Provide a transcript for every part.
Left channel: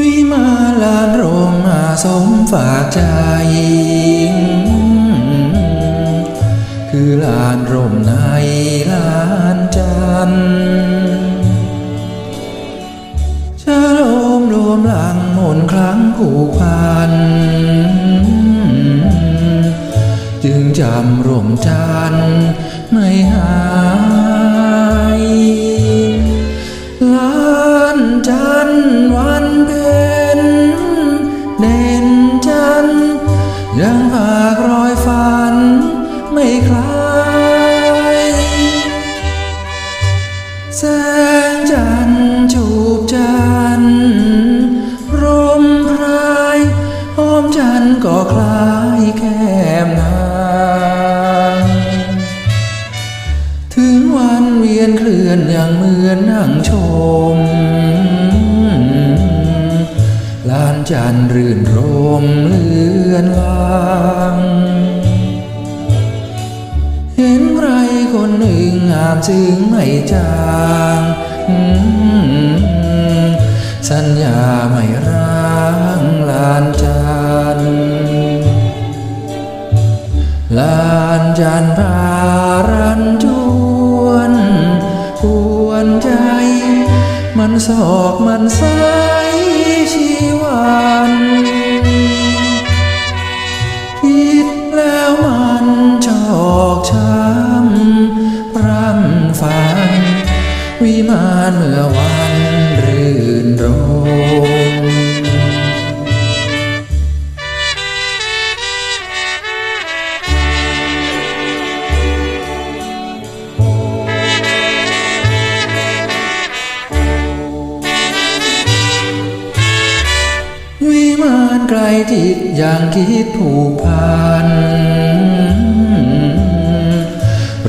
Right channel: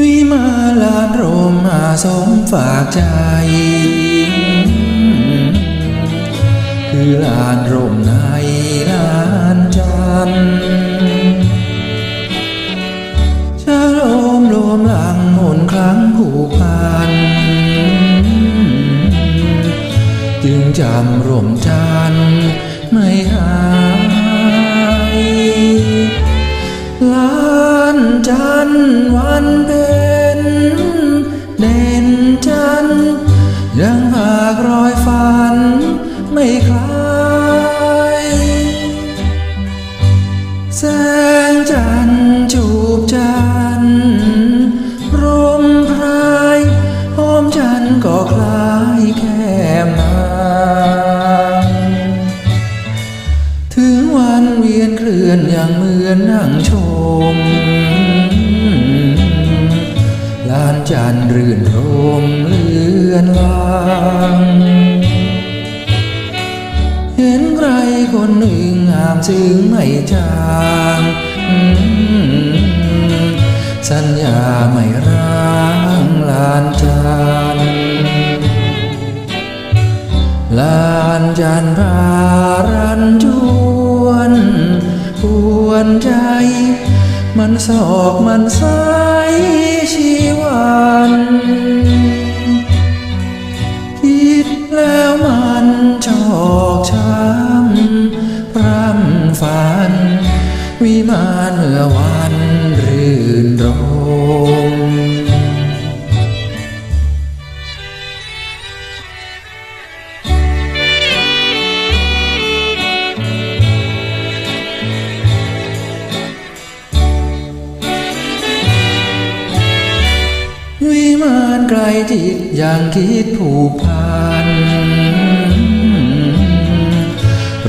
วิมาลานรมมาสมฝากใจ คือลานรมในลานจันชะโลมรมหลังมนครั้งผูกพัน จึงจำรมจันไม่หา ยังฝากรอยฝันไม่คลายแสงจันทร์จูบจันทร์ร่มพรายหอมจันทร์ก็คล้ายแก้มนางถึงวันเวียนเคลื่อนอย่างเหมือนนั่งชม ลานจันรื่นรมเลือนลางเห็นใครคนหนึ่งงามซึ้งไม่จางสัญญาไม่ร้างลานจันลานจันพารันจวนปวนใจ มันสอกมันสายชีวันคิดแล้วมันชอกช้ำพร่ำฝัน วิมานเมื่อวันรื่นรม วิมานไกลจิตอย่างคิดผูกพัน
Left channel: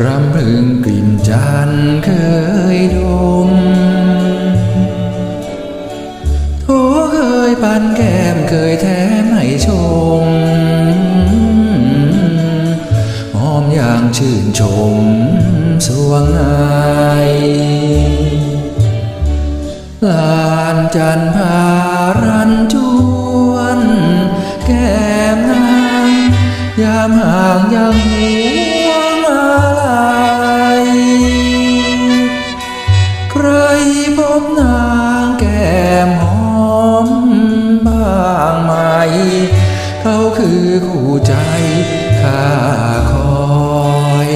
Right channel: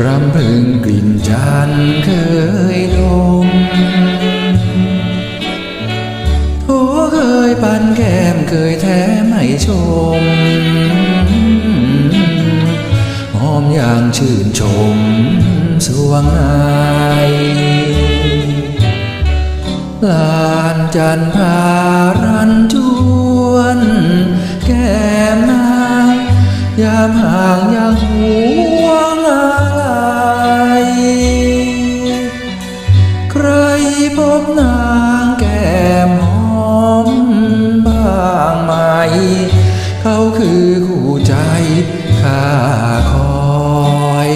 รำพึงกลิ่นจันเคยดมโทเคยปันแก้มเคยแท้ไม่ชมหอมอย่างชื่นชมสวงใน ลานจันพารันจวน แก้มนางยามห่างยังห่วงอะไรใครพบนางแก้มหอมบ้างไหม เขาคือคู่ใจข้าคอย